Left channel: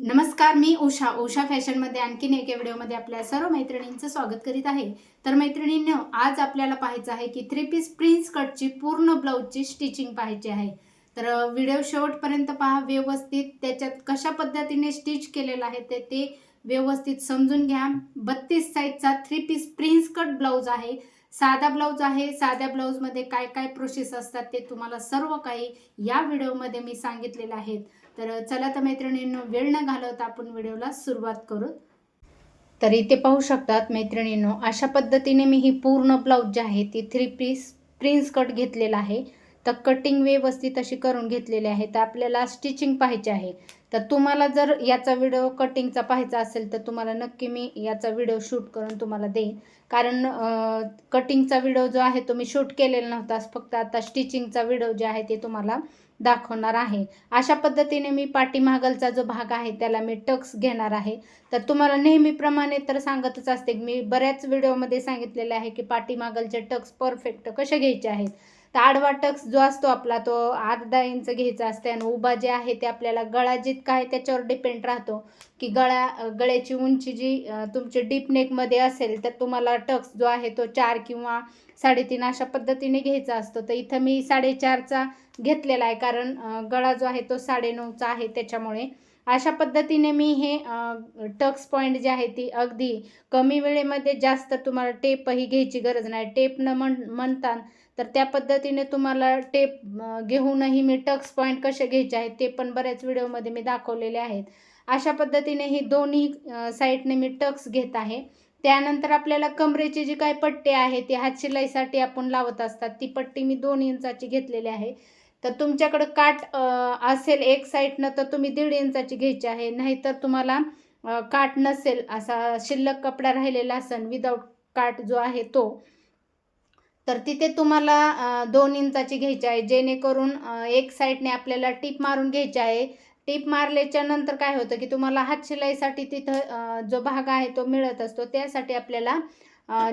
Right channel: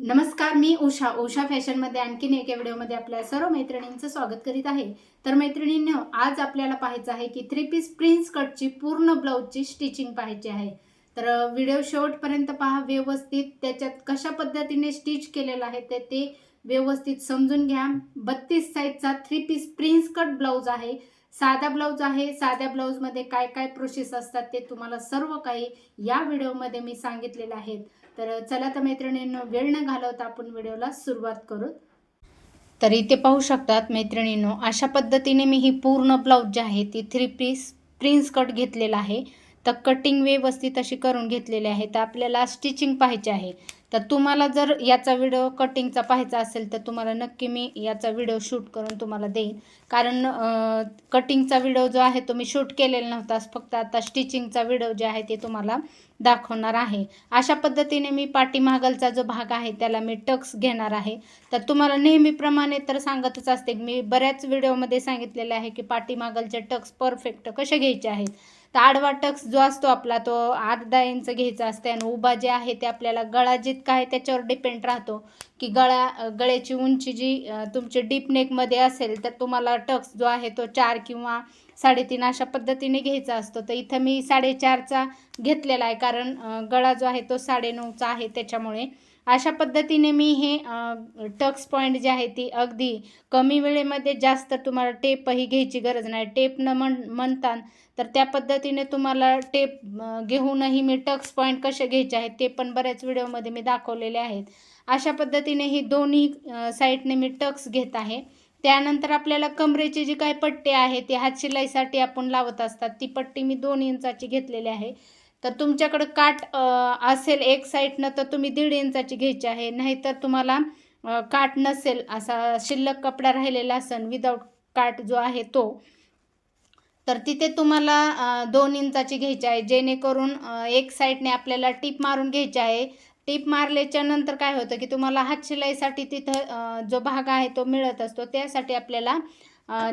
नमस्कार, मी उषा फॅशनमध्ये आणखीन एका व्हिडिओमध्ये आपल्या सर्व मैत्रिणींचं स्वागत करीत आहे. तर मैत्रिणींनो, आज आपल्याला पाहायचं आहे की 3 पीस प्रिन्स कटची पूर्ण ब्लाऊजची स्टिचिंग पाहायची आहे. तर व्हिडिओ शेवटपर्यंत पहा, व्यवस्थित त्याच्यात कशा पद्धतीने स्टिच केलेलं आहे ते व्यवस्थित समजून घ्या. 32 साईजचा 3 पीस प्रिन्स कट ब्लाऊज आहे. साधा ब्लाऊज आहे. साध्या ब्लाऊजमध्ये काय काय प्रोसेस असतात ते तुम्हाला सर्व काही या व्हिडिओमध्ये मी सांगितलेलं आहे. तर चला तर मैत्रिणींनो, वेळ न घालवता आपण व्हिडिओला सुरुवात करू. तर इथे पाहू शकतात मैत्रिणींनो, अशा पद्धतीने मी ही पूर्ण ब्लाऊज जी आहे ती 3 पीस प्रिन्स कट घेतलेला आहे. तर कटिंग व्यवस्थित अशी करून घेतलेली आहे. तर आपल्याला स्टिचिंग पाहायची आहे. तर तुम्हाला जर याचा व्हिडिओ कटिंगचा पाहायचा असेल तर तुम्हाला नक्की मी याचा व्हिडिओ शूट करून तुम्हाला देईन. कारण कटिंगचा व्हिडिओ जो आहे तो मी शूट केलेला नव्हता, फक्त आता स्टिचिंगचा व्हिडिओ जे आहे ते तुम्हाला दाखवणार आहे. अशा पद्धतीने मी पाठीमागलचा जो भाग आहे त्याला मी टक्स घेणार आहे. तर तुम्हाला नेहमीप्रमाणे तर सांगतच असते, मी बऱ्याच व्हिडिओमध्ये सांगितलेले आहे की पाठीमागलचे टक्स परफेक्ट कसे घ्यायचे आहेत. तर आडवा टक्स जो असतो आपला तो अर्धा इंच घ्यायचा असते आणि उभा जे आहे ते आपल्याला गळा जितका आहे त्याच्यावर डिपेंड राहतो की गळ्याची उंची जी तुमची डीप नेकमध्ये असेल तर तुम्हाला टक्स जो आहे तो 4 किंवा 3.5 अशा पद्धतीने घ्यायचा असतो. तर इथं मी 4.5चा घेतलेला आहे, कारण गळा जो आहे तो 9.5चा आहे. त्याच्यामुळे अशा पद्धतीने मी हे टक्स पॉईंट जे आहे ती अगदी कमी वेळेमध्ये, जास्त तुम्हाला टेपही घ्यायची गरज नाही. टेप न म्हणता तर त्या पद्धतीने तुम्हाला टेप घेऊनही मी टक्स पॉईंट कसे घ्यायचे आहेत ते पण बऱ्याच व्हिडिओमध्ये मी दाखवलेले आहेत. अशा पद्धतीने ही दोन्ही साईडने मी टक्स घेत आहे. त्यानंतर आपल्याला कमरेची जी काही पट्टी आहे ती हातशिलाईसाठी आपण लावत असतात, ती पट्टी मी 2 इंचाची घेतलेली आहे. तर तुमच्याकडे काठ असेल एक साईडनं तर तुम्ही 1.5 इंचाची घ्यायची आहे. नाहीतर तुम्हाला काठ नसेल, असा शिल्लक कपडा राहिलेला असेल विदाऊट काठ जो आहे तो, तर तिथे तुम्हाला 2 इंचाची घ्यायची आहे. जेणेकरून एक साईडने आपल्याला टीप मारून घ्यायची आहे. टीप मारल्याच्या नंतर काय होतं की तुम्हाला हातशिलाईसाठी तिथं जो भाग आहे तो मिळत असतो. त्यासाठी आपल्याला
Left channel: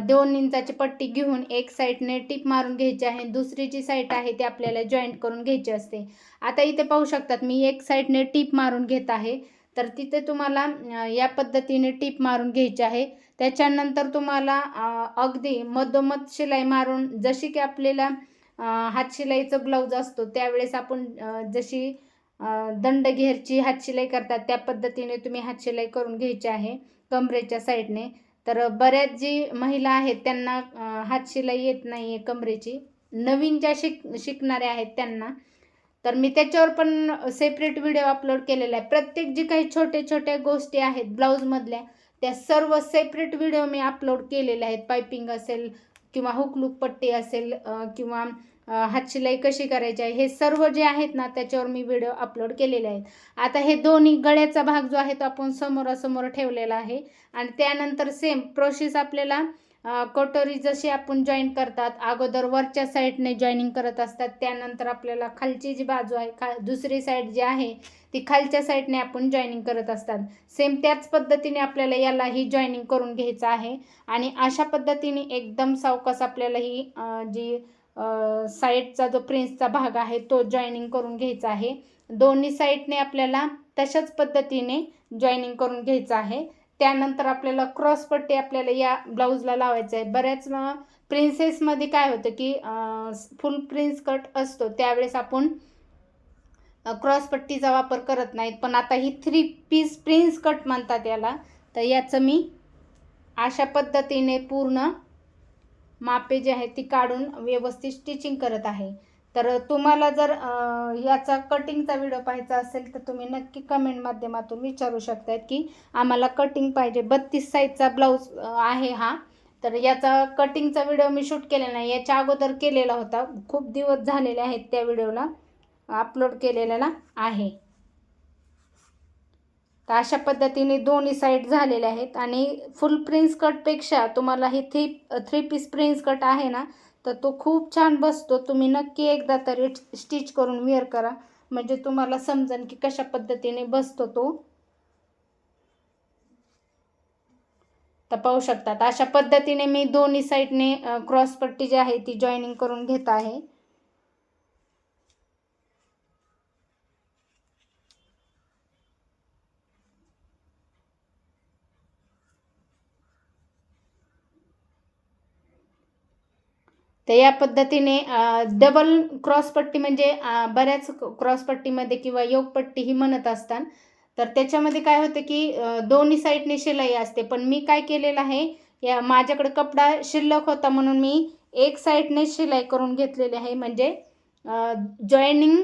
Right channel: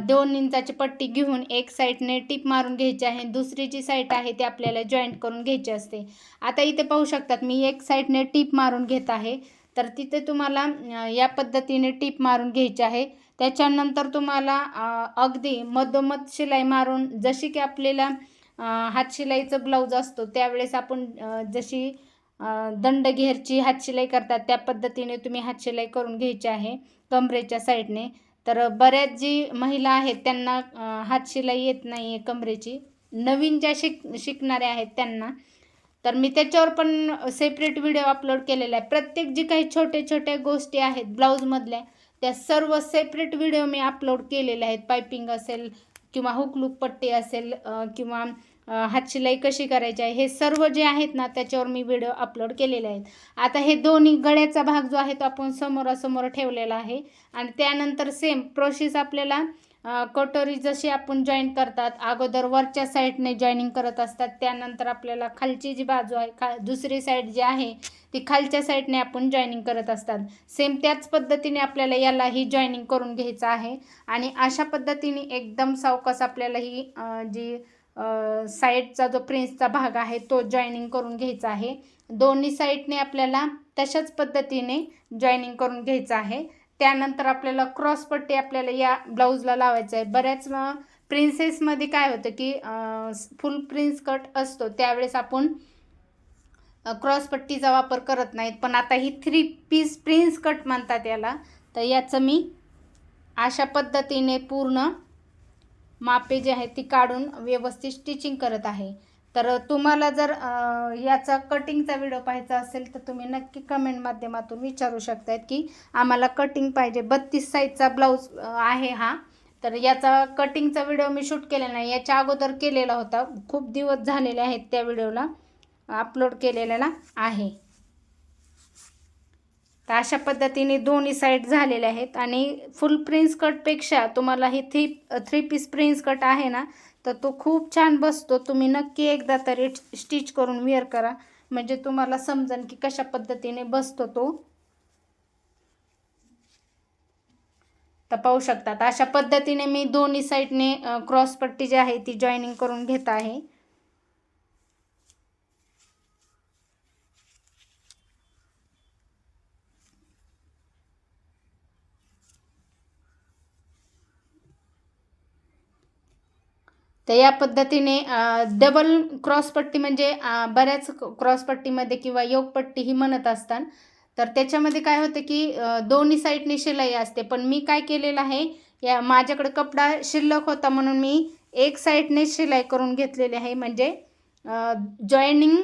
2 इंचाची पट्टी घेऊन एक साईडने टीप मारून घ्यायची आहे. दुसरी जी साईड आहे ती आपल्याला जॉईंट करून घ्यायची असते. आता इथे पाहू शकतात मी एक साईडने टीप मारून घेत आहे. तर तिथे तुम्हाला या पद्धतीने टीप मारून घ्यायची आहे. त्याच्यानंतर तुम्हाला अगदी मधोमध शिलाई मारून, जशी की आपल्याला हातशिलाईचं ब्लाऊज असतो त्यावेळेस आपण जशी दंडघेरची हातशिलाई करतात त्या पद्धतीने तुम्ही हातशिलाई करून घ्यायची आहे कमरेच्या साईडने. तर बऱ्याच जी महिला आहेत त्यांना हातशिलाई येत नाही आहे कमरेची, नवीन ज्या शिकणाऱ्या आहेत त्यांना. तर मी त्याच्यावर पण सेपरेट व्हिडिओ अपलोड केलेला आहे. प्रत्येक जी काही छोट्या गोष्टी आहेत ब्लाऊजमधल्या त्या सर्व सेपरेट व्हिडिओ मी अपलोड केलेले आहेत. पायपिंग असेल किंवा हुकलूक पट्टी असेल किंवा हातशिलाई कशी करायची आहे, हे सर्व जे आहेत ना त्याच्यावर मी व्हिडिओ अपलोड केलेले आहेत. आता हे दोन्ही गळ्याचा भाग जो आहे तो आपण समोरासमोर ठेवलेला आहे आणि त्यानंतर सेम प्रोसेस आपल्याला कटोरी जशी आपण जॉईन करतात, अगोदर वरच्या साईडने जॉईनिंग करत असतात. त्यानंतर आपल्याला खालची जी बाजू आहे, दुसरी साईड जी आहे ती खालच्या साईडने आपण जॉईनिंग करत असतात. सेम त्याच पद्धतीने आपल्याला यालाही जॉईनिंग करून घ्यायचं आहे. आणि अशा पद्धतीने एकदम सावकाश आपल्याला ही जी साईडचा जो प्रिन्सचा भाग आहे तो जॉईनिंग करून घ्यायचा आहे. दोन्ही साईडने आपल्याला तशाच पद्धतीने जॉईनिंग करून घ्यायचं आहे. त्यानंतर आपल्याला क्रॉसपट्टी आपल्याला या ब्लाऊजला लावायचं आहे. बऱ्याच प्रिन्सेसमध्ये काय होतं की फुल प्रिन्स कट असतो त्यावेळेस आपण क्रॉसपट्टीचा वापर करत नाहीत, पण आता ही 3 पीस प्रिन्स कट म्हणतात याला. तर याचं मी अशा पद्धतीने पूर्ण मापे जी आहेत ती काढून व्यवस्थित स्टिचिंग करत आहे. तर तुम्हाला जर याचा कटिंगचा व्हिडिओ पाहायचा असेल तर तुम्ही नक्की कमेंट माध्यमातून विचारू शकतात की आम्हाला कटिंग पाहिजे. 32 साईजचा ब्लाऊज आहे हा. तर याचा कटिंगचा व्हिडिओ मी शूट केलेला नाही, याच्या अगोदर केलेला होता. खूप दिवस झालेले आहेत त्या व्हिडिओला अपलोड केलेला आहे. तर अशा पद्धतीने दोन्ही साईड झालेल्या आहेत. आणि फुल प्रिन्स कटपेक्षा तुम्हाला ही 3 पीस प्रिन्स कट आहे ना तर तो खूप छान बसतो. तुम्ही नक्की एकदा तरी स्टिच करून वेअर करा, म्हणजे तुम्हाला समजेल की कशा पद्धतीने बसतो तो. तर पाहू शकतात अशा पद्धतीने मी दोन्ही साईडने क्रॉसपट्टी जी आहे ती जॉईनिंग करून घेत आहे. तर या पद्धतीने डबल क्रॉसपट्टी म्हणजे बऱ्याच क्रॉसपट्टीमध्ये किंवा योगपट्टी ही म्हणत असतात. तर त्याच्यामध्ये काय होतं की दोन्ही साईडने शिलाई असते, पण मी काय केलेलं आहे, या माझ्याकडे कपडा शिल्लक होता म्हणून मी एक साईडने शिलाई करून घेतलेली आहे, म्हणजे जॉईनिंग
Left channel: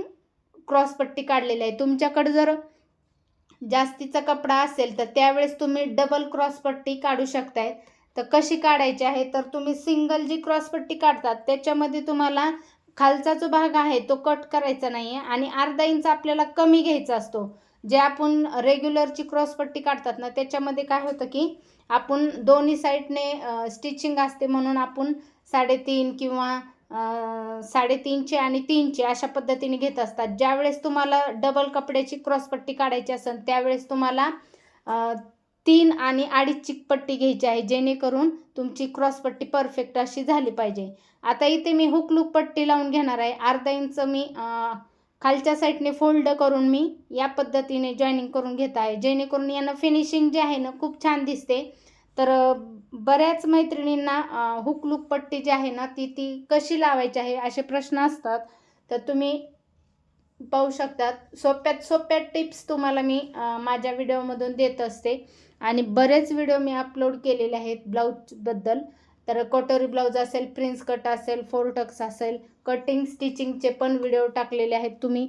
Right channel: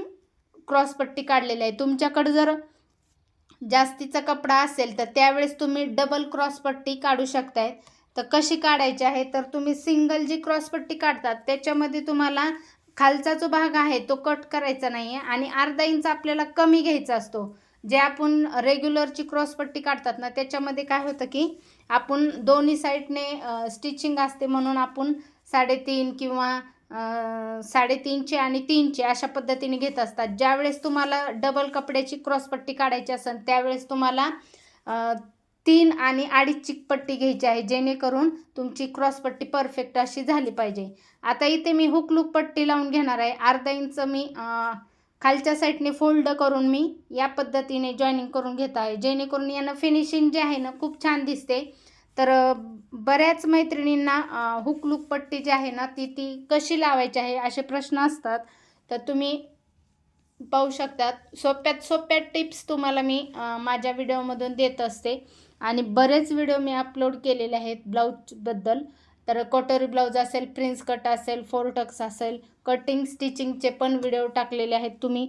क्रॉसपट्टी काढलेली आहे. तुमच्याकडे जर जास्तीचा कपडा असेल तर त्यावेळेस तुम्ही डबल क्रॉसपट्टी काढू शकताय. तर कशी काढायची आहे, तर तुम्ही सिंगल जी क्रॉसपट्टी काढतात त्याच्यामध्ये तुम्हाला खालचा जो भाग आहे तो कट करायचा नाही आहे आणि अर्धा इंच आपल्याला कमी घ्यायचा असतो. जे आपण रेग्युलरची क्रॉसपट्टी काढतात ना, त्याच्यामध्ये काय होतं की आपण दोन्ही साईडने स्टिचिंग असते म्हणून आपण 3.5 किंवा 3.5चे आणि 3चे अशा पद्धतीने घेत असतात. ज्यावेळेस तुम्हाला डबल कपड्याची क्रॉसपट्टी काढायची असेल त्यावेळेस तुम्हाला 3 आणि 2.5ची पट्टी घ्यायची आहे, जेणेकरून तुमची क्रॉसपट्टी परफेक्ट अशी झाली पाहिजे. आता इथे मी हुक लूप पट्टी लावून घेणार आहे. अर्धा इंच मी खालच्या साईडने फोल्ड करून मी या पद्धतीने जॉईनिंग करून घेत आहे, जेणेकरून यांना फिनिशिंग जे आहे ना खूप छान दिसते. तर बऱ्याच मैत्रिणींना हुक लूप पट्टी जी आहे ना ती कशी लावायची आहे असे प्रश्न असतात. तर तुम्ही पाहू शकतात सोप्यात सोप्या टिप्स तुम्हाला मी माझ्या व्हिडिओमधून देत असते आणि बरेच व्हिडिओ मी अपलोड केलेले आहेत ब्लाऊजबद्दल. तर कटोरी ब्लाऊज असेल, प्रिन्स कट असेल, 4 टक्स असेल, कटिंग स्टिचिंगचे पण व्हिडिओ टाकलेले आहेत. तुम्ही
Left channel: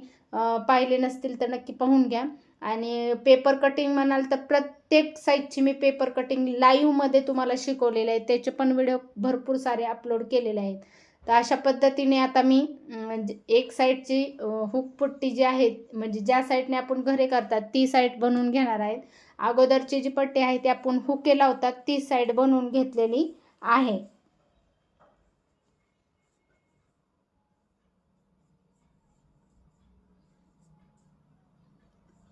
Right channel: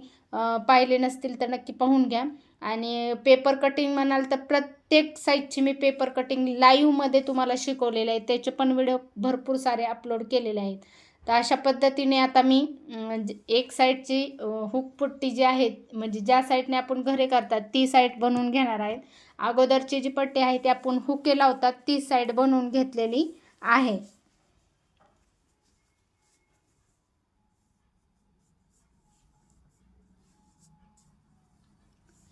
पाहिले नसतील तर नक्की पाहून घ्या. आणि पेपर कटिंग म्हणाल तर प्रत्येक साईजची मी पेपर कटिंग लाईव्हमध्ये तुम्हाला शिकवलेले आहे, त्याचे पण व्हिडिओ भरपूर सारे अपलोड केलेले आहेत. तर अशा पद्धतीने आता मी एक साईडची हुक पट्टी जी आहे, म्हणजे ज्या साईडने आपण घरे करतात ती साईड बनवून घेणार आहे. अगोदरची जी पट्टी आहे ती आपण हुके लावतात ती साईड बनवून घेतलेली आहे.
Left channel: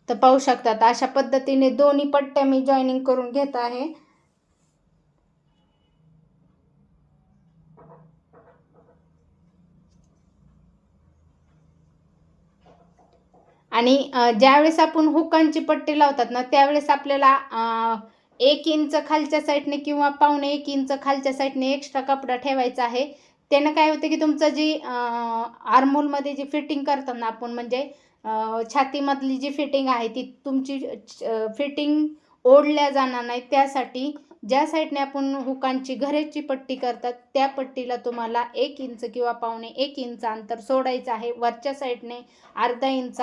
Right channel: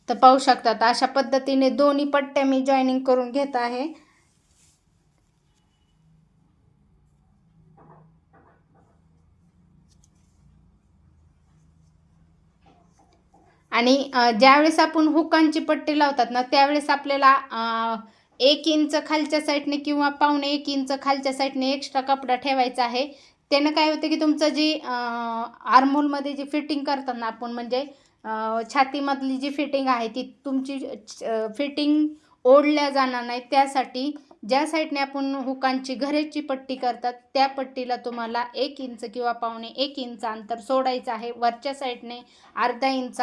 तर पाहू शकतात अशा पद्धतीने दोन्ही पट्ट्या मी जॉईनिंग करून घेत आहे. आणि ज्यावेळेस आपण हुकांची पट्टी लावतात ना त्यावेळेस आपल्याला 1 इंच खालच्या साईडने किंवा 1.25 इंच खालच्या साईडने एक्स्ट्रा कपडा ठेवायचा आहे. त्यानं काय होतं की तुमचं जी आर्महोलमध्ये जी फिटिंग करतात ना आपण, म्हणजे छातीमधली जी फिटिंग आहे ती तुमची फिटिंग ओढल्या जाणार नाही, त्यासाठी ज्या साईडने आपण हुकांची घरेची पट्टी करतात त्या पट्टीला तुम्हाला 1 इंच किंवा 1.25 इंच अंतर सोडायचं आहे. वरच्या साईडने अर्धा इंच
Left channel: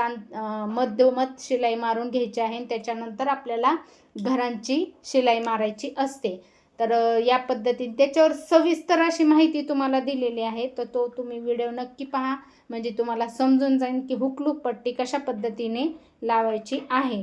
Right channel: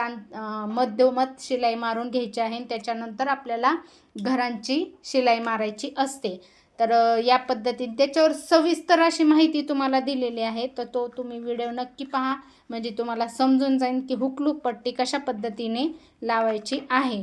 मध्यमत शिलाई मारून घ्यायची आहे. त्याच्यानंतर आपल्याला घरांची शिलाई मारायची असते. तर या पद्धतीने त्याच्यावर सविस्तर अशी माहिती तुम्हाला दिलेली आहे, तर तो तुम्ही व्हिडिओ नक्की पहा, म्हणजे तुम्हाला समजून जाईल की हुक लूप पट्टी कशा पद्धतीने लावायची आहे.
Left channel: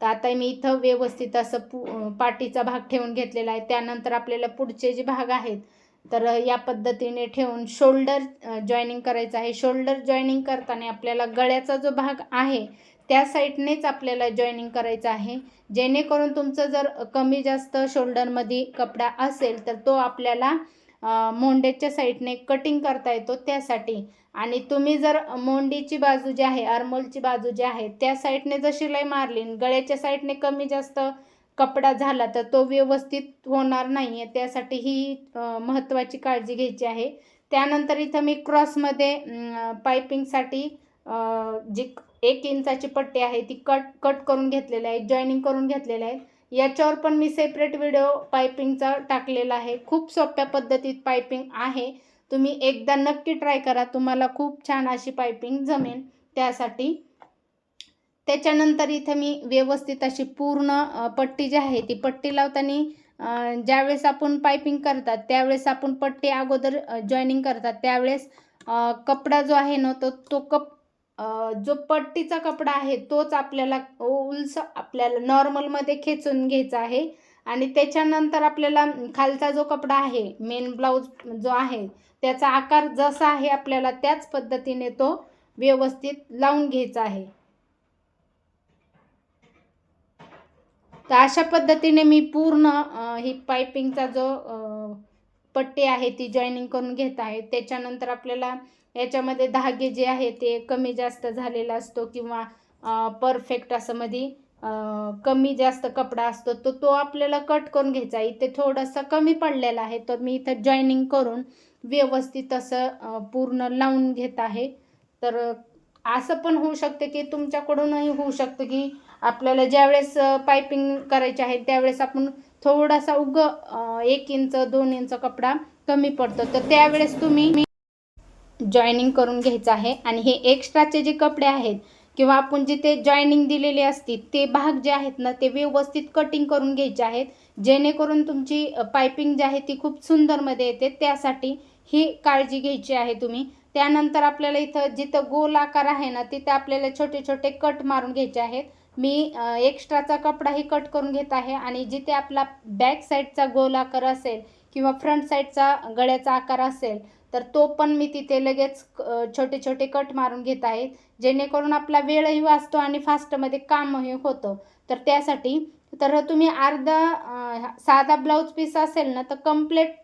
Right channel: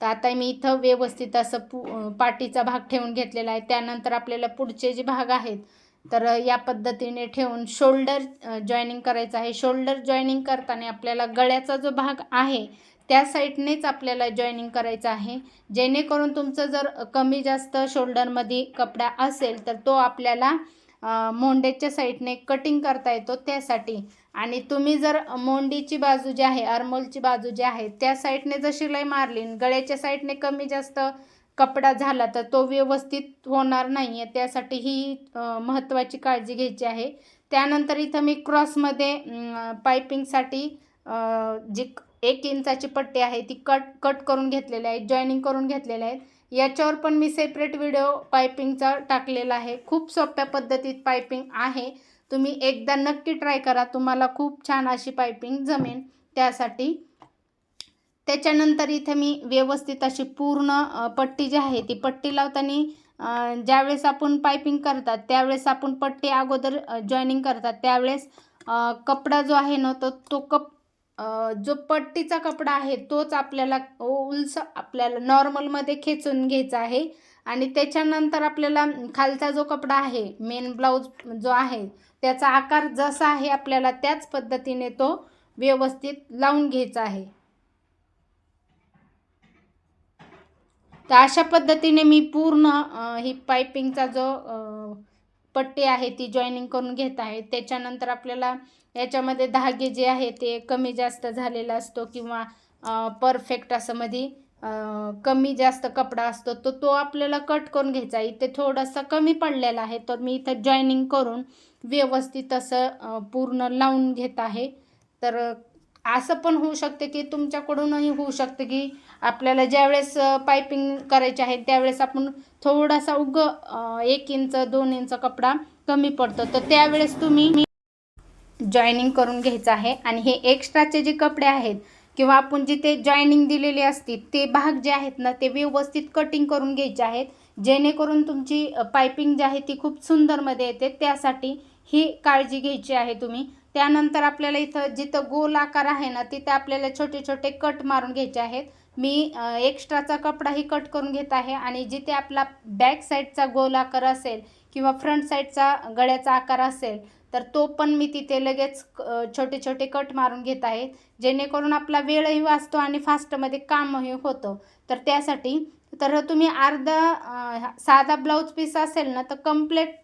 तर आता मी इथं व्यवस्थित असं पाठीचा भाग ठेवून घेतलेला आहे. त्यानंतर आपल्याला पुढचे जे भाग आहेत तर या पद्धतीने ठेवून शोल्डर जॉईनिंग करायचं आहे. शोल्डर जॉईनिंग करताना आपल्याला गळ्याचा जो भाग आहे त्या साईडनेच आपल्याला जॉईनिंग करायचं आहे, जेणेकरून तुमचं जर कमी जास्त शोल्डरमध्ये कपडा असेल तर तो आपल्याला मोंडेच्या साईडने कटिंग करता येतो त्यासाठी. आणि तुम्ही जर मोंडीची बाजू जी आहे, आर्महोलची बाजू जी आहे त्या साईडने जर शिलाई मारली, गळ्याच्या साईडने कमी जास्त कपडा झाला तर तो व्यवस्थित होणार नाही आहे, त्यासाठी ही महत्त्वाची काळजी घ्यायची आहे. त्यानंतर इथं मी क्रॉसमध्ये पायपिंगसाठी जी 1 इंचाची पट्टी आहे ती कट करून घेतलेली आहे, जॉईनिंग करून घेतलेलं आहे. याच्यावर पण मी सेपरेट व्हिडिओ पायपिंगचा टाकलेला आहे. खूप सोप्या पद्धतीत पायपिंग आहे, तुम्ही एकदा नक्की ट्राय करा, तुम्हाला खूप छान अशी पायपिंग जमेल त्यासाठी. त्याच्यानंतर इथे मी व्यवस्थित अशी पूर्ण पट्टी जी आहे ती पट्टी लावताना ज्यावेळेस आपण पायपिंग करतात त्यावेळेस आपण पट्टी अगोदर जॉईनिंग करतात त्यावेळेस कपडा जो आहे ना तो जो पट्टीचा कपडा आहे तोच आपल्याला आपल्याला नॉर्मलमध्ये खेचून घ्यायचा आहे. आणि त्याच्यानंतर आपल्याला खालचा जो कपडा आहे मेन ब्लाऊज जो आहे त्याचा आकार जसा आहे आपल्याला त्याच पद्धतीने तो व्यवस्थित लावून घ्यायचा आहे. तर अशा पद्धतीने मी पूर्ण ही पायपिंगचा जो पट्टी आहे ती जॉईनिंग करून घेत आहे. त्याच्यानंतर आपल्याला याच्यामध्ये धागे जे आहे ते कमी जास्त झालेला असतो किंवा परफेक्ट असं मध्ये कमी जास्त कपडा असतो तो आपल्याला कट करून घ्यायचा. इथे थोडासा कमी पडलेला आहे, तर मी इथं जॉईनिंग करून व्यवस्थित असं पूर्ण लावून घेत आहे. तर असं पण होऊ शकते की तुमच्याकडूनही होऊ शकते की आपल्याला ज्यावेळेस पायपिंग करायची आहे त्यावेळेस आपण थोडासा 1 इंच 2 इंच कपडा कमी पडतो, तर त्यावेळेस तुम्ही जॉईनिंग करून घ्यायचं आहे. आणि हे एक्स्ट्राचे जे कपडे आहेत किंवा आपण जिथे जॉईनिंग दिलेली असते ते भाग जे आहेत ना ते व्यवस्थित कटिंग करून घ्यायचे आहेत, जेणेकरून तुमची पायपिंग जी आहे ती खूप सुंदरमध्ये येते. त्यासाठी ही काळजी घ्यायची आहे तुम्ही. त्यानंतर आपल्याला इथं जिथं गोल आकार आहे ना तिथं आपल्याला छोटे छोटे कट मारून घ्यायचे आहेत. मी एक्स्ट्राचा कपडाही कट करून घेत आहे आणि जिथे आपला बॅक साईडचा गोल आकार असेल किंवा फ्रंट साईडचा गळ्याचा आकार असेल तर तो पण मी तिथे लगेच छोटे छोटे कट मारून घेत आहे, जेणेकरून आपला वेळही वाचतो आणि फास्टमध्ये कामही होतं. तर त्यासाठी तर तुम्ही साधा ब्लाऊज पीस असेल ना तर कंप्लीट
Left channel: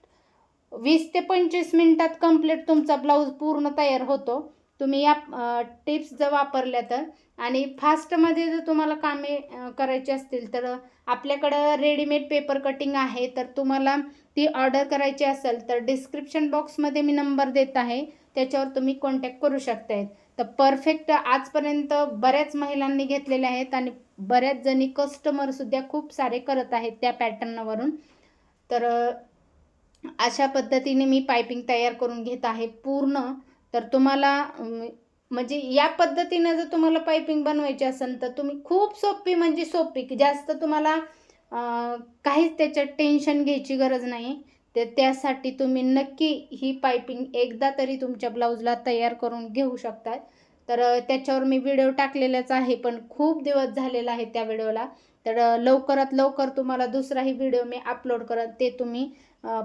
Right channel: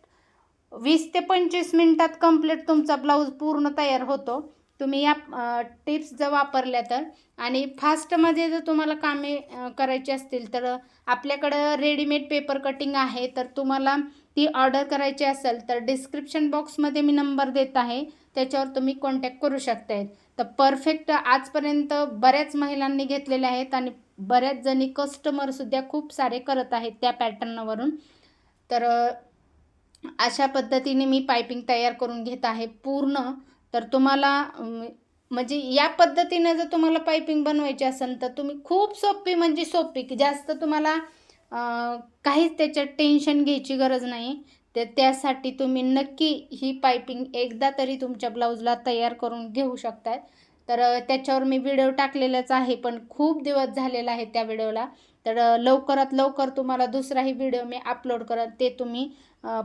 20 ते 25 मिनिटात कंप्लीट तुमचा ब्लाऊज पूर्ण तयार होतो. तुम्ही या टिप्स जर वापरल्या तर. आणि फास्टमध्ये जर तुम्हाला कामे करायची असतील तर आपल्याकडं रेडीमेड पेपर कटिंग आहे, तर तुम्हाला ती ऑर्डर करायची असेल तर डिस्क्रिप्शन बॉक्समध्ये मी नंबर देत आहे, त्याच्यावर तुम्ही कॉन्टॅक्ट करू शकताय. तर परफेक्ट आजपर्यंत बऱ्याच महिलांनी घेतलेले आहेत आणि बऱ्याच जणी कस्टमरसुद्धा खूप सारे करत आहेत त्या पॅटर्नवरून. तर अशा पद्धतीने मी पायपिंग तयार करून घेत आहे पूर्ण. तर तुम्हाला म्हणजे या पद्धतीने जर तुम्हाला पायपिंग बनवायची असेल तर तुम्ही खूप सोपी म्हणजे सोपी की जास्त तुम्हाला काहीच त्याच्यात टेन्शन घ्यायची गरज नाही. तर त्यासाठी तुम्ही नक्की ही पायपिंग एकदा तरी तुमच्या ब्लाऊजला तयार करून घेऊ शकतात. तर त्याच्यावर मी व्हिडिओ टाकलेलाच आहे, पण खूप दिवस झालेला आहे त्या व्हिडिओला. तर लवकरात लवकर तुम्हाला दुसराही व्हिडिओ मी अपलोड करत, ते तुम्ही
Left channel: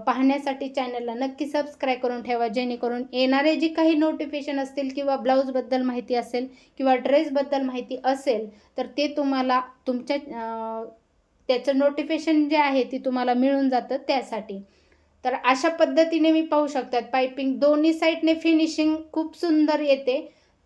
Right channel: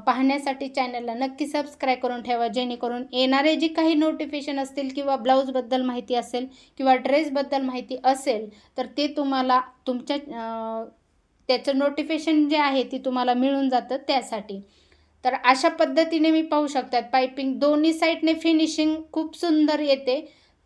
पाहण्यासाठी चॅनलला नक्की सबस्क्राईब करून ठेवा, जेणेकरून येणारे जी काही नोटिफिकेशन असतील किंवा ब्लाऊजबद्दल माहिती असेल किंवा ड्रेसबद्दल माहिती असेल तर ते तुम्हाला तुमच्या त्याचं नोटिफिकेशन जे आहे ते तुम्हाला मिळून जातं त्यासाठी. तर अशा पद्धतीने मी पाहू शकतात पायपिंग दोन्ही साईडने फिनिशिंग खूप सुंदर येते.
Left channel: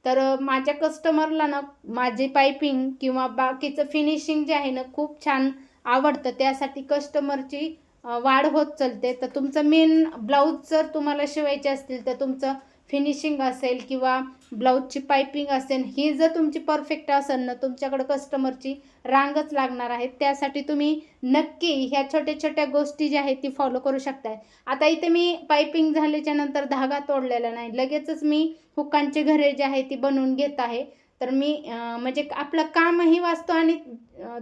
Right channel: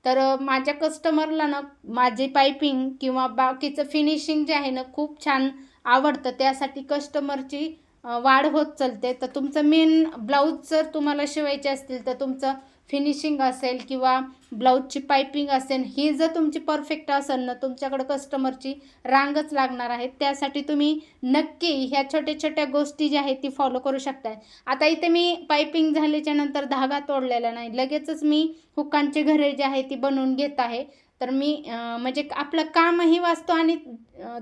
तर माझ्या कस्टमरला ना माझी पायपिंग किंवा बाकीचं फिनिशिंग जे आहे ना खूप छान आवडतं, त्यासाठी कस्टमरची वाढ होत चालते. तर तुमचं मेन ब्लाऊज जर तुम्हाला शिवायचे असतील तर तुमचं फिनिशिंग असेल किंवा ब्लाऊजची पायपिंग असेल ही जर तुमची परफेक्ट असेल ना तुमच्याकडे कस्टमरची रांगच लागणार आहे. त्यासाठी तुम्ही नक्की ह्या छोट्या छोट्या गोष्टी ज्या आहेत ती फॉलो करू शकताय. आता इथे मी पायपिंग झाल्याच्या नंतर धागा तोडलेला नाही, लगेचच मी हुकांचे घरे जे आहे ती बनवून घेत आहे. तर मी म्हणजे आपलं कामही वाचतो आणि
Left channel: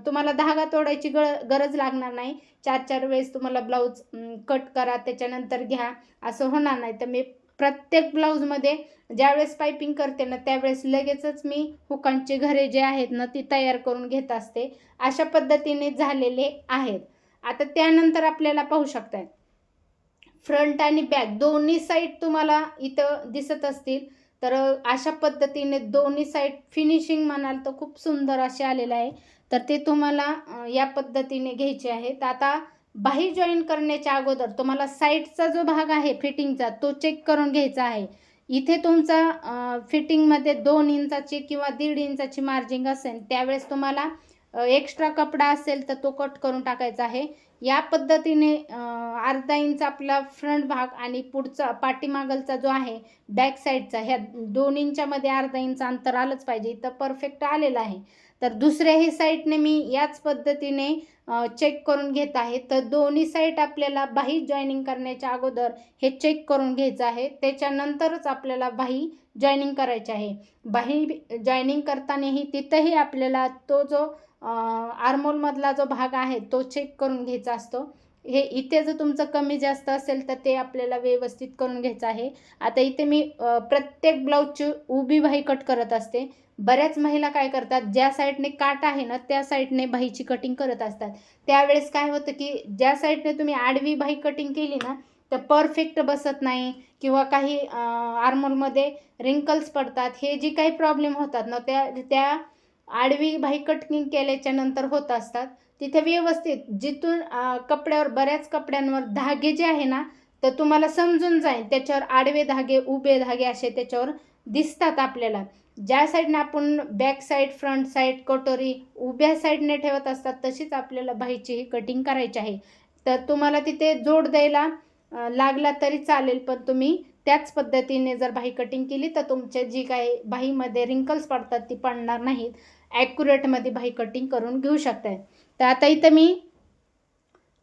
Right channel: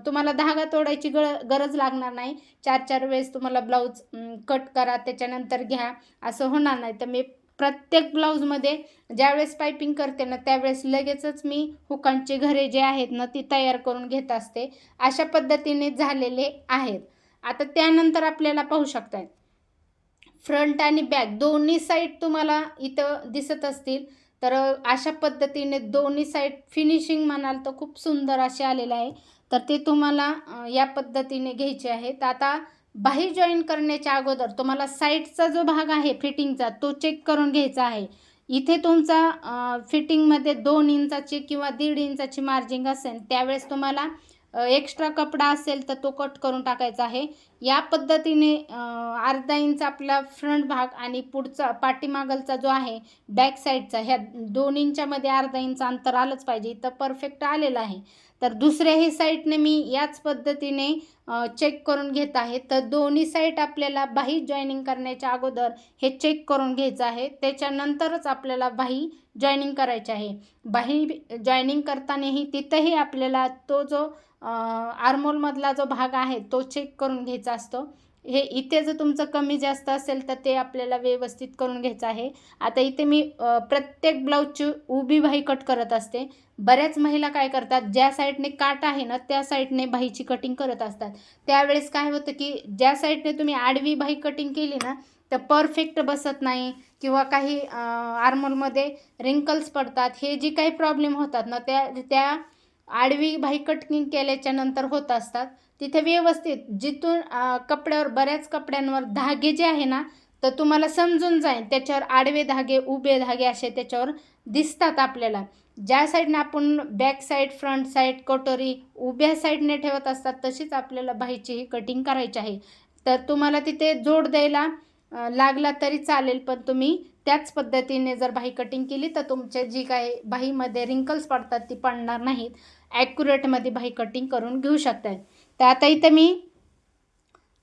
तुम्हाला धागा तोडायची गरज लागणार नाही. 4-4 वेळेस तुम्हाला ब्लाऊज कट करा त्याच्यानंतर घ्या असं होणार नाही. तर मी प्रत्येक ब्लाऊजमध्ये ज्यावेळेस पायपिंग करते ना त्यावेळेस लगेचच मी हुकांचे घरे जे आहेत ना ती तयार करून घेत असते. अशा पद्धतीने झालेले आहेत. आता त्यानंतर आपल्याला पाहू शकताय फ्रंट आणि बॅक दोन्ही साईड तुम्हाला इथं दिसत असतील. तर अशा पद्धतीने दोन्ही साईड फिनिशिंग म्हणाल तर खूप सुंदर असे आलेलं आहे. तर ते तुम्हाला या पद्धतीने घ्यायचे आहेत. आता बाही जॉईन करण्याच्या अगोदर तुम्हाला साईडचा जो भाग आहे फिटिंगचा तो चेक करून घ्यायचा आहे. इथे तुमचा फिटिंगमध्ये 2 इंचाची किंवा 1.5 इंचाची मार्जिंग असेल त्यावेळेस तुम्हाला एक्स्ट्रा कपडा असेल तर तो कट करून टाकायचा आहे. या पद्धतीने अर्धा इंच आपला फ्रंट भाग आणि पुढचा पाठीमागलचा जो आहे बॅक साईडचा ह्या दोन्हींच्यामध्ये अर्धा इंच अंतर आलंच पाहिजे. इथं परफेक्ट आलेलं आहे. तर दुसऱ्याही साईडने मी याच पद्धतीने चेक करून घेत आहे. तर दोन्ही साईड आपल्याला बाही जॉईनिंग करण्याच्या अगोदर हे चेक करून घ्यायचं आहे, त्याच्यानंतरच आपल्याला बाही जॉईनिंग करायची आहे. बाही जॉईनिंग करतानाही तिथंही आपल्याला तो जो आर्मोलमधला जो भाग आहे तो चेक करून घ्यायचा असतो. हे इथे जर तुमचं कमी जास्त असेल तर ते आपल्याला व्यवस्थित करून घ्यायचं आहे. आता इथे मी प्रत्येक ब्लाऊजची उभी बाही कट करत असते. बऱ्याच महिला काय करतात ज्या साईडने काट आहे ना त्या साईडने बाहीची कटिंग करत असतात. त्यावेळेस काय होतं की ज्या साईडने तुम्ही आडवी बाही कटिंग केली ना तर परफेक्ट बसत नाही किंवा काही आर्मोलमध्ये रिंकल्स पडतात. हे जी काही प्रॉब्लेम होतात ना त्या आडवी बाही कटिंग केल्याच्या नंतर होत असतात. तिथे व्यवस्थित जिथून कपड्यावर बऱ्याच कपड्यांवर धागे जे आहे ना तर तुम्हाला समजून जाईल. त्याच्यावर आडवे धागे, उभे धागे असे त्याच्यावर दिसतात आपल्याला. ज्या साईडने आपण बॅक साईड, फ्रंट साईड, कटोरी उभ्या साईडने ठेवत असतात, तशीच आपल्याला बाहीची ही कटिंग करायची आहे. तर तुम्हाला तिथे जोड द्यायला लागला तरी चालेल, पण तुम्ही त्याच पद्धतीने जर बाही कटिंग केली तर तुमच्या जी काही बाहीमध्ये रिंकल्स पडतात ती पडणार नाहीत. ॲक्युरेटमध्ये बाही कटिंग करून घेऊ शकताय. तर आता इथं मी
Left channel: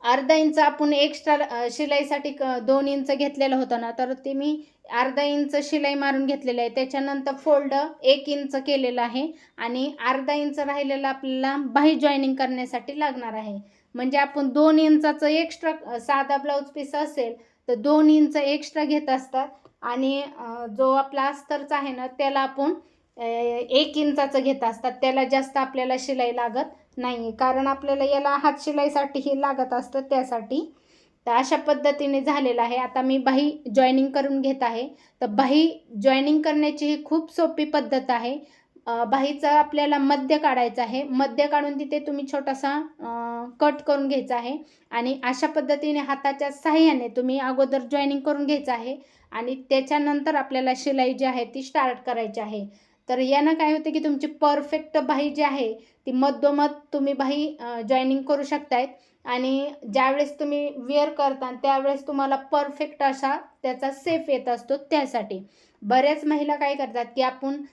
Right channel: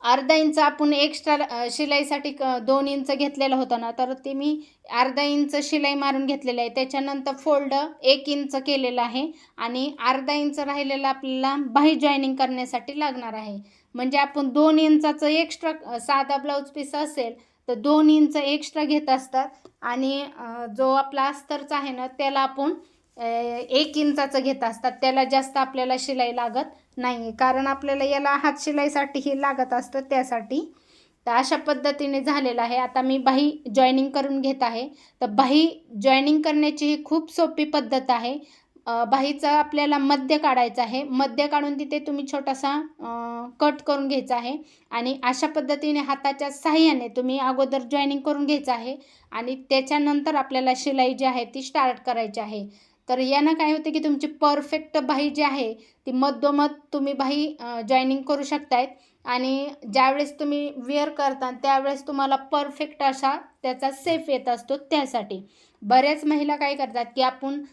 अर्धा इंच आपण एक्स्ट्रा शिलाईसाठी 2 इंच घेतलेलं होतं ना, तर ते मी अर्धा इंच शिलाई मारून घेतलेलं आहे. त्याच्यानंतर फोल्ड 1 इंच केलेलं आहे आणि अर्धा इंच राहिलेलं आपल्याला बाही जॉईनिंग करण्यासाठी लागणार आहे. म्हणजे आपण 2 इंचाचं एक्स्ट्रा साधा ब्लाऊज पीस असेल तर 2 इंच एक्स्ट्रा घेत असतात आणि जो आपला अस्तरचा आहे ना त्याला आपण 1 इंचाचं घेत असतात. त्याला जास्त आपल्याला शिलाई लागत नाही, कारण आपल्याला याला हात शिलाईसाठी हे लागत असतं त्यासाठी. तर अशा पद्धतीने झालेलं आहे. आता मी बाही जॉईनिंग करून घेत आहे. तर बाही जॉईनिंग करण्याची ही खूप सोपी पद्धत आहे. बाहीचा आपल्याला मध्य काढायचा आहे. मध्य काढून तिथे तुम्ही छोटासा कट करून घ्यायचा आहे आणि अशा पद्धतीने हाताच्या साहाय्याने तुम्ही अगोदर जॉईनिंग करून घ्यायचं आहे आणि त्याच्यानंतर आपल्याला शिलाई जी आहे ती स्टार्ट करायची आहे. तर यानं काय होते की तुमची परफेक्ट बाही जी आहे ती मधोमध तुम्ही बाही जॉईनिंग करू शकतायत आणि ज्यावेळेस तुम्ही वेअर करता त्यावेळेस तुम्हाला परफेक्ट असा त्याचा सेफ येत असतो. त्यासाठी बऱ्याच महिला काय करतात की आपण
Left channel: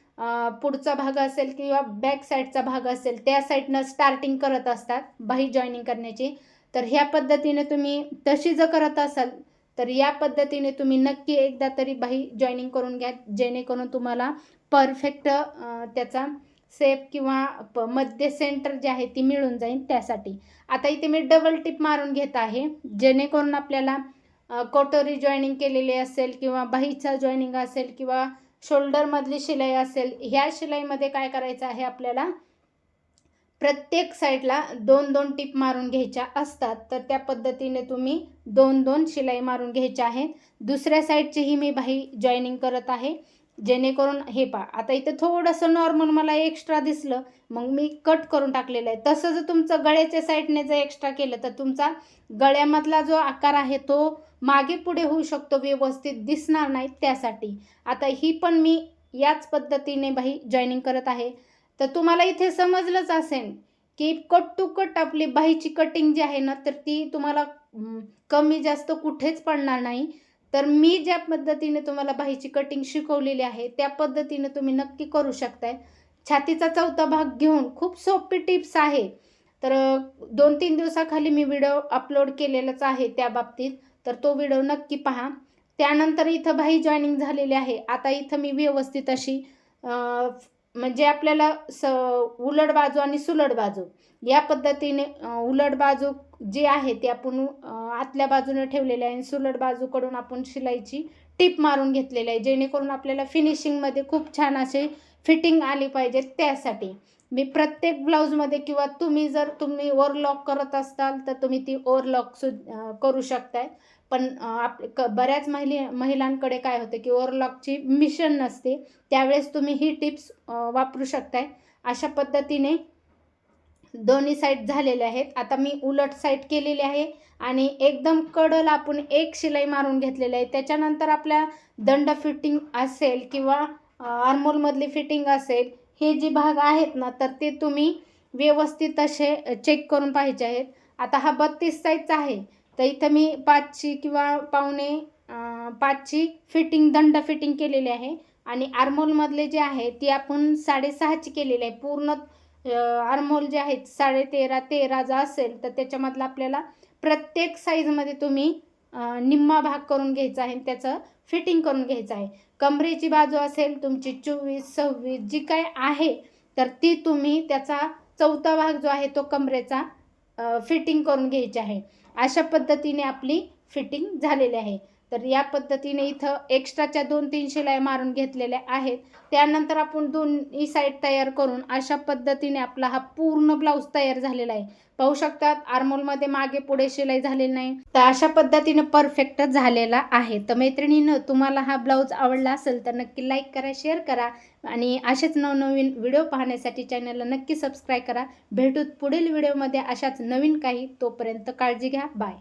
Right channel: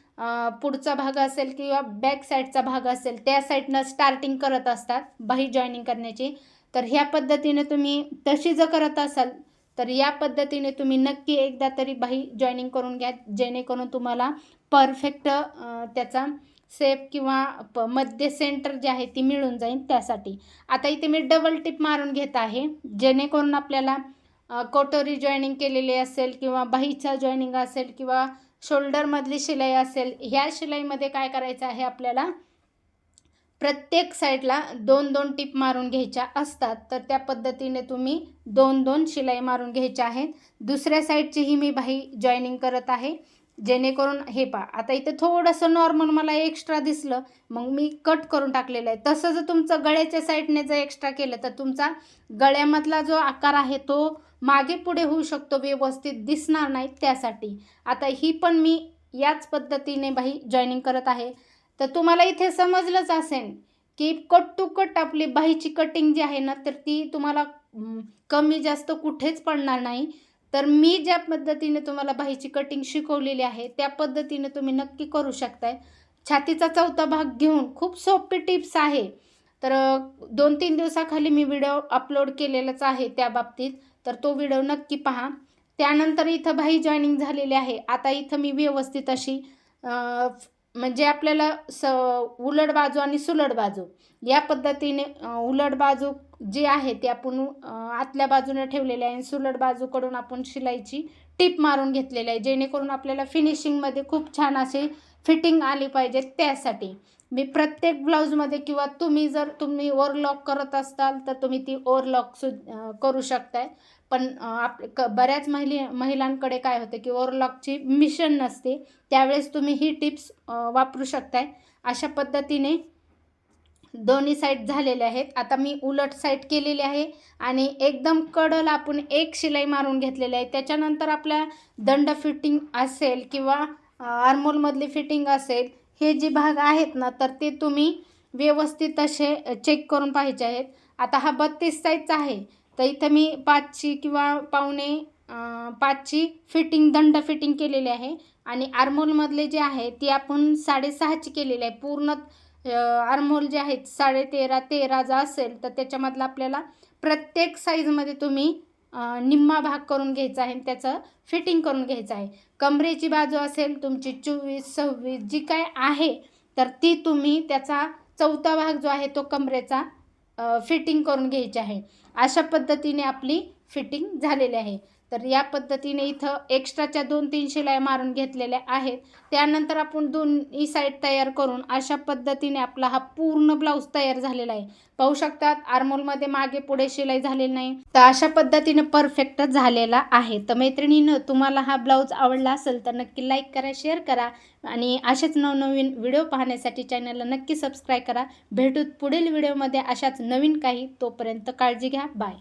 पुढचा भाग असेल किंवा बॅक साईडचा भाग असेल त्या साईडनं स्टार्टिंग करत असतात बाही जॉईनिंग करण्याची. तर ह्या पद्धतीने तुम्ही तशी जर करत असाल तर या पद्धतीने तुम्ही नक्की एकदा तरी बाही जॉईनिंग करून घ्या, जेणेकरून तुम्हाला परफेक्ट त्याचा सेप किंवा मध्य सेंटर जे आहे ती मिळून जाईल त्यासाठी. आता इथे मी डबल टिप मारून घेत आहे, जेणेकरून आपल्याला कटोरी जॉईनिंग केलेली असेल किंवा बाहीचा जॉईनिंग असेल किंवा शोल्डरमधली शिलाई असेल, ह्या शिलाईमध्ये काय करायचं आहे आपल्याला प्रत्येक साईडला 2-2 टिप मारून घ्यायच्या असतात. तर त्या पद्धतीने तुम्ही 2-2 शिलाई मारून घ्यायच्या आहेत. दुसऱ्या साईडचीही मी बाही जॉईनिंग करत आहे, जेणेकरून हे पहा आता इथं थोडंसं नॉर्मल मला एक्स्ट्रा दिसलं, मग मी कट करून टाकलेलं आहे. तसं जर तुमचं गळ्याच्या साईडने जर एक्स्ट्रा केलं तर तुमचा गळ्यामधला जो आकार आहे तो मागे पुढे होऊ शकतो, व्यवस्थित दिसणार नाही त्यासाठी. आता ही पण मी याच पद्धतीने बाही जॉईनिंग करत आहे. तर तुम्हाला इथे समजलंच असेल की कट टू कट आपली बाहीची कटिंग जी आहे ना तर ती तुम्हाला कमी जास्त कुठेच पडणार नाही. तर मी ज्या पद्धतीने तुम्हाला बाहीची कटिंग शिकवलेली आहे त्या पद्धतीने तुम्ही नक्की करू शकताय. छातीचा चौथा भाग घेऊन खूप सोपी टिप्स आहे. तर 2-3 दिवसाखाली मी व्हिडिओ अपलोड केलेलाच आहे त्या बाबतीत, तर तो व्हिडिओ नक्की पहा. त्यानंतर इथं बाही जॉईनिंग झालेली आहे. आता इथं मी व्यवस्थित अशी म्हणजे आपल्याला उलट बाजू आणि सुलट बाजू या पद्धतीने उलट बाजू जी आहे ती आपण आतल्या बाजूने ठेवलेली आहे आणि सुलट बाजूकडून आपण शिलाईची टिप मारून घेतलेली आहे, जेणेकरून आपल्याला फिनिशिंगमध्ये खूप छान असे फिटिंग आली पाहिजे. त्यासाठी मी प्रत्येक ब्लाऊजमध्ये किंवा तुम्ही ओव्हरलॉक करत असाल तर तुम्ही ती ओव्हरलॉक करू शकताय. पण बऱ्याच महिलांकडे काय होते की ओव्हरलॉकची मिशन नसते, त्यावेळेस तुम्ही ही टिप्स वापरू शकताय. अशा पद्धतीने दोन्ही साईड झालेले आहेत. आता मी उलट साईड केलेली आहे आणि एकदम कडला आपण एक शिलाई मारून घेतलेली आहे. त्याच्यानंतर आपल्या दंड फिटिंग असेल किंवा आर्महोलमधली फिटिंग असेल, हे जे भाग आहेत ना तर ते तुम्ही व्यवस्थित असे चेक करून पाहिजे आहेत. आता हा 32 साईजचा आहे, तर इथं मी 5ची किंवा पावणे 5ची फिटिंग दंड फिटिंग केलेली आहे आणि आर्महोलमधले जे आहे ती आपण 6.5ची केलेली आहे. पूर्ण आर्महोल जे आहेत 13.5-13 जर असेल तर त्याच्यामधलं आपल्याला प्रत्येक साईजमध्ये तुम्ही निम्मा भाग करून घ्यायचा आहे, त्याचं फिटिंग करून घ्यायचं आहे. कमरेची बाजू असेल तुमची 24-26 जी काय आहे तर ती तुम्ही त्याचा चौथा भाग जो आहे तो कमरेचा फिटिंग करून घ्यायची आहे. अशा पद्धतीने आपली फिटिंग झालेली आहे. तर या पद्धतीने इथं एक्स्ट्राच्या 2-3 शिलाई मारून घेतलेल्या आहेत. त्यानंतर आपण दोन्ही साईड तयार करून अशा पद्धतीने आपला हा पूर्ण ब्लाऊज तयार झालेला आहे. पाहू शकतात आर्महोलमध्ये मागे पुढे शिलाई झालेली नाही, तर अशा पद्धतीने परफेक्ट झालेला आहे. तर मैत्रिणींनो, तुम्हाला हा ब्लाऊज आवडला असेल तर नक्की लाईक करा, शेअर करा आणि असेच नवनवीन व्हिडिओ पाहण्यासाठी चॅनलला नक्की सबस्क्राईब करा. भेटूत पुढील व्हिडिओमध्ये अशाच नवीन काही. तोपर्यंत काळजी घ्या. बाय.